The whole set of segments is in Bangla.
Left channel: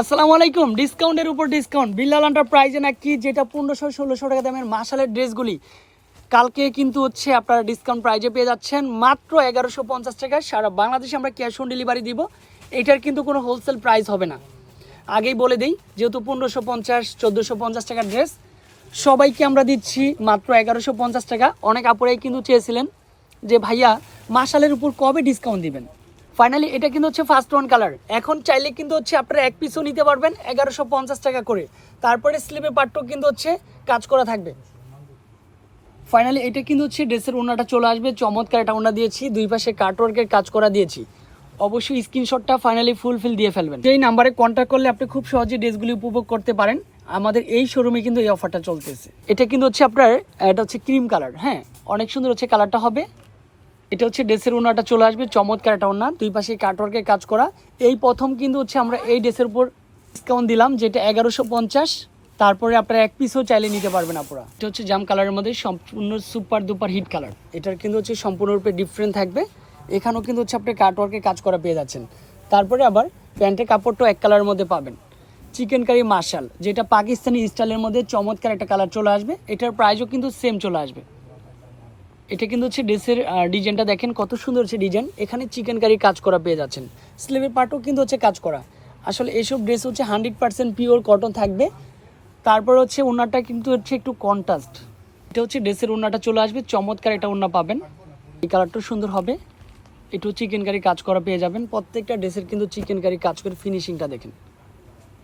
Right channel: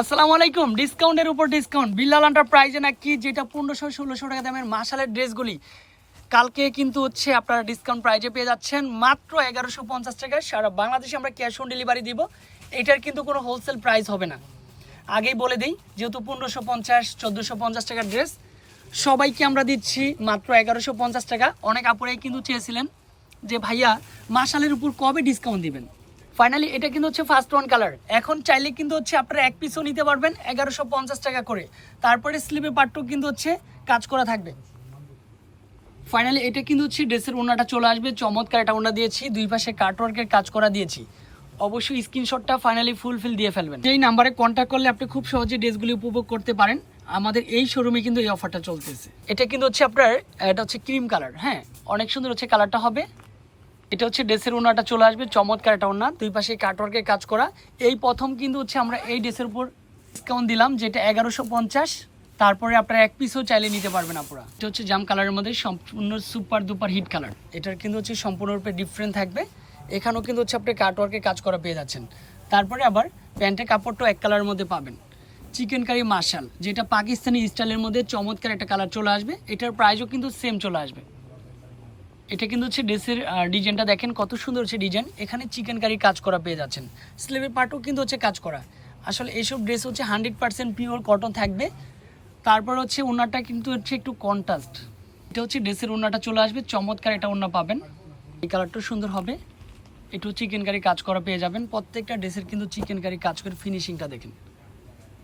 আসসালামু আলাইকুম। ডিসকাউন্টের উপর ডিসকাউন্ট। বিল্লাল এন্টারপ্রাইজে নাকি যেটা পনেরোশো, ষোলোশো টাকা দামের মাসালের ড্রেসগুলি। কালকে কিন্তু হচ্ছে আপনারা ডিসকাউন্ট প্রাইজে পেয়ে যাচ্ছেন মাত্র এগারোশো পঞ্চাশ টাকা। সারা বাংলাদেশে আমরা ক্যাশ অন ডেলিভারি দিব। এটার কিন্তু কোনো হোলসেল প্রাইস হবে না। আগেই বলে দিই, যেহেতু পনেরোশো পঞ্চাশ, চোদ্দোশো পঞ্চাশ টাকার ড্রেস, সবাইকে আমরা দিচ্ছি মাত্র এগারোশো পঞ্চাশ টাকা। অনেক আপুরাই কিন্তু চেয়েছিলেন যে ভাইয়া মাসালের উপর কবে ডিসকাউন্ট দিবেন? ফাইনালি এটা কিন্তু হচ্ছে ফার্স্ট ওয়ান কালার এখন চাইলে কিন্তু হচ্ছে আপনারা এক পিসও নিতে পারবেন এগারোশো পঞ্চাশ টাকা করে। তারপরে স্লিপে পাট্টও কিন্তু হচ্ছে কাজ করা থাকবে। ফাইনালি এটা কিন্তু হচ্ছে ড্রেসের ওনাটা চলে আসবে। চমৎকার এটা ওনা দিয়েছি। দুই পাশে কাটওয়ার্কের কাজ করা দিয়েছি। অবশ্যই স্ক্রিনশটটা ফাইনালি ফুলফিল দিয়ে ফেলবেন। এই নাম্বারে কন্ট্যাক্ট করলে আপনি খুব সহজে ড্রেসগুলি উপভোগ করতে পারেন। আমাদের এই শোরুমে কিন্তু এই অফারটা চলতেছে। এটা কিন্তু হচ্ছে আপনার, এটা হচ্ছে ক্রিম কালার হ্যাঁ? অনেক সুন্দর হচ্ছে কালারটা হবে। এটা হচ্ছে ড্রেসের ওনাটা চলে আসবে, চমৎকার একটা ওনা। দুই পাশে কাটওয়ার্কের কাজ করা। এই প্রথম কিন্তু হচ্ছে আমরা এই ড্রেসের উপর ডিসকাউন্ট দিলাম, যেটা এগারোশো পঞ্চাশ। তারপরে আপনারা এক পিসও চাইলে নিতে পারবেন আপনারা এটা হচ্ছে জাম কালারের মধ্যে সম্পূর্ণ সুপার দুপার হিট কালার এটার কিন্তু হচ্ছে সম্পূর্ণরূপে ডিফারেন্ট থাকবে। এখানেও কিন্তু হচ্ছে আপনি কাটওয়ার্কে কাজ করা পেয়ে যাচ্ছেন। তারপরে আবার প্যান্টের কাপড়টাও এক কালারের মধ্যে পাবেন। চিকেন কারি মার্শাল যেটা পাকিস্তানি স্টাইলের মধ্যে চমৎকার একটা কালার চলে আসবে। এটার প্রাইসও কিন্তু সেম চলে আসবে। এটা কিন্তু হচ্ছে ড্রেসের ডিজাইনটা দেখেন, কত সুন্দর হচ্ছে ডিজাইন এখানে চিকেন কারি কাজ করা পেয়ে যাচ্ছেন। স্লিভের পার্টও কিন্তু হচ্ছে কাজ করা। আসলে এইসব ড্রেস হচ্ছে হান্ড্রেড পার্সেন্ট পিওর কটন থাকবে। তারপর হচ্ছে ওনাটা কিন্তু হচ্ছে একটু কন্ট্রাস্ট এটা হচ্ছে ড্রেসের ওনাটা চলে আসবে, চমৎকার এটা ওনা পাবেন। এই কালারটা সুন্দর হবে। একটু চিকেন কারি কাজ করা পেয়ে যাবেন। প্রত্যেকটা ড্রেসের কিন্তু চিকেন কারি কাজ করে ফিনিশিংটা দেখেন।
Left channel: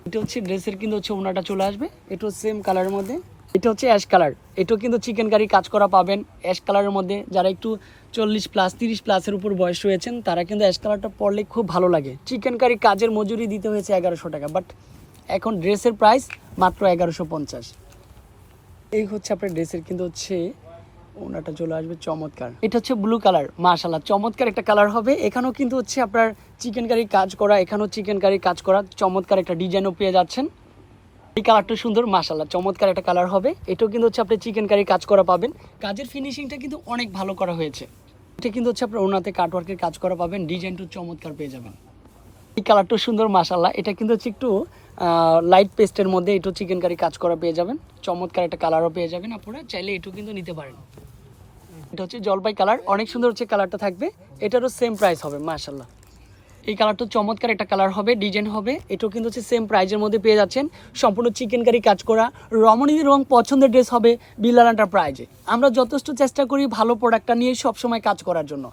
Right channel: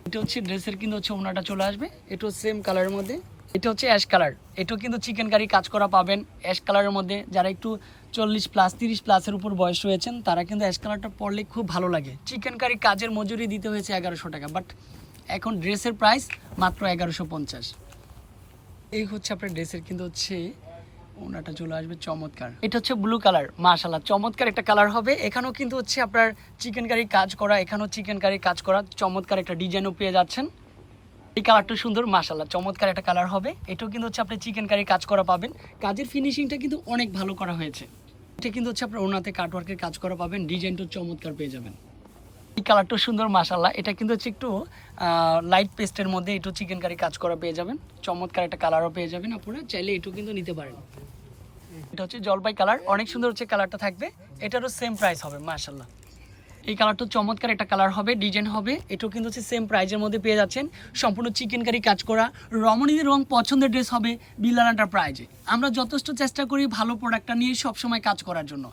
এটা হচ্ছে ড্রেসের কিন্তু হচ্ছে ওনাটা চলে আসবে। একটু সেম কালারের মধ্যে। এটা হচ্ছে অ্যাশ কালার এটাও কিন্তু চিকেন কারি কাজ করা পাবেন। অ্যাশ কালারের মধ্যে যারা একটু চল্লিশ প্লাস তিরিশ প্লাসের উপর বয়স রয়েছেন, তারা কিন্তু অ্যাশ কালারটা পরলে খুব ভালো লাগে। চিকেন কারি কাজের মজুরি দিতে হয়েছে এগারোশো টাকা বাট এখন ড্রেসের প্রাইস মাত্র এগারোশো পঞ্চাশ। এই হচ্ছে আপনার ড্রেসের কিন্তু হচ্ছে ওনাটা চলে আসবে চমৎকার। এটা হচ্ছে ব্লু কালার মাশাল্লাহ চমৎকার একটা কালার হবে। এখানেও কিন্তু হচ্ছে আপনার চিকেন কারি কাজ করা, এখানেও চিকেন কারি কাজ করা, চমৎকার একটা ডিজাইনও পেয়ে যাচ্ছেন। এই কালারটা সুন্দর মাশাল্লাহ চমৎকার একটা কালার হবে। এটাও কিন্তু হচ্ছে আপনি চিকেন কারি কাজ করা পাবেন। কাজের ফিনিশিংটা কিন্তু অনেক ভালো করা হয়েছে। এটা কিন্তু হচ্ছে আপনার ওনাতে কাটওয়ার্কের কাজ করা পাবেন, ডিজাইনটাও চমৎকার পেয়ে যাবেন। এই কালারটা সুন্দর মাশাল্লাহ এটা কিন্তু হচ্ছে একটু লাইট পেস্টের মধ্যে একটু চিকেন কারি কাজ করা পেয়ে যাবেন। চমৎকার একটা কালারও পেয়ে যাবেন আপনারা, চাইলে এটু কিন্তু নিতে পারেন। এটা হচ্ছে জলপাই কালার অনেক সুন্দর হচ্ছে কালারটা থাকবে। এটারও সেম প্রাইস হবে মাশাল্লাহ এই কালারটা চমৎকার, একটা কালার হবে ডিজাইন হবে। এটাও কিন্তু হচ্ছে সেম প্রাইজের মধ্যে পেয়ে যাচ্ছেন। সম্পূর্ণ চিকেন কারি কাজ করা। রমণীদের রং পছন্দের ড্রেস হবে বিল্লাল প্রাইজে আমরা যথেষ্ট চেষ্টা করি ভালো প্রোডাক্টটা নিয়ে সবসময় কাজ করার জন্য।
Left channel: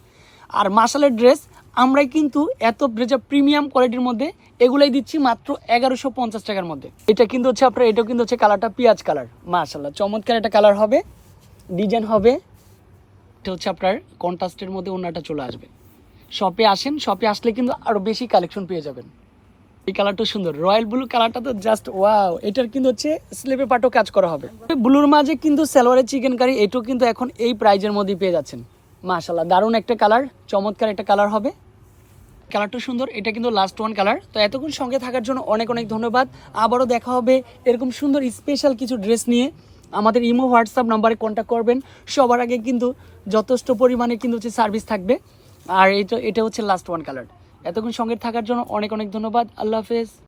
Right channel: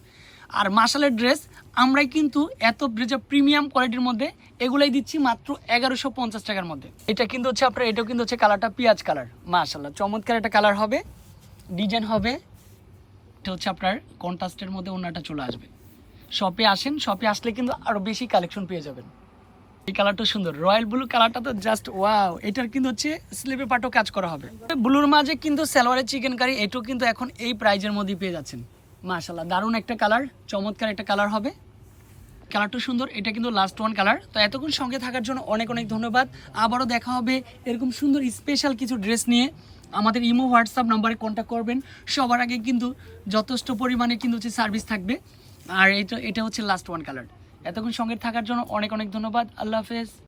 আর মাসালের ড্রেস আমরাই কিন্তু এত যে প্রিমিয়াম কোয়ালিটির মধ্যে এগুলাই দিচ্ছি মাত্র এগারোশো পঞ্চাশ টাকার মধ্যে। এটা কিন্তু হচ্ছে আপনার, এটাও কিন্তু হচ্ছে কালারটা পেঁয়াজ কালার মাশাল্লাহ, চমৎকার একটা কালার হবে ডিজাইন হবে। এটা হচ্ছে আপনার কন্ট্রাস্টের মধ্যে ওনাটা চলে আসবে। শপে আসেন শপে আসলে কিন্তু আরও বেশি কালেকশন পেয়ে যাবেন। এই কালারটা সুন্দর। রয়্যাল ব্লু কালারটা তো জাস্ট ওয়াও এটার কিন্তু হচ্ছে স্লেপে পাটও কাজ করা হবে। ব্লুর মাঝে কিন্তু সালোয়ারের চিকেন কারি এটাও কিন্তু এখন এই প্রাইজের মধ্যেই পেয়ে যাচ্ছেন। মাশাল্লাহ দারুণ একটা কালার চমৎকার একটা কালার হবে। কালারটা সুন্দর, এটা কিন্তু লাস্ট ওয়ান কালার তো এতক্ষণ সঙ্গে থাকার জন্য অনেক অনেক ধন্যবাদ। আবারও দেখা হবে এরকম সুন্দর স্পেশাল কিছু ড্রেস নিয়ে। আমাদের ইমো, হোয়াটসঅ্যাপ নাম্বারে কন্ট্যাক্ট করবেন। সবার আগে কিন্তু যথেষ্ট পরিমাণে কিন্তু হচ্ছে সার্ভিস থাকবে। আর এটা এটা হচ্ছে লাস্ট ওয়ান কালার এতক্ষণ সঙ্গে থাকার জন্য অনেক অনেক ধন্যবাদ। আল্লাহ হাফেজ।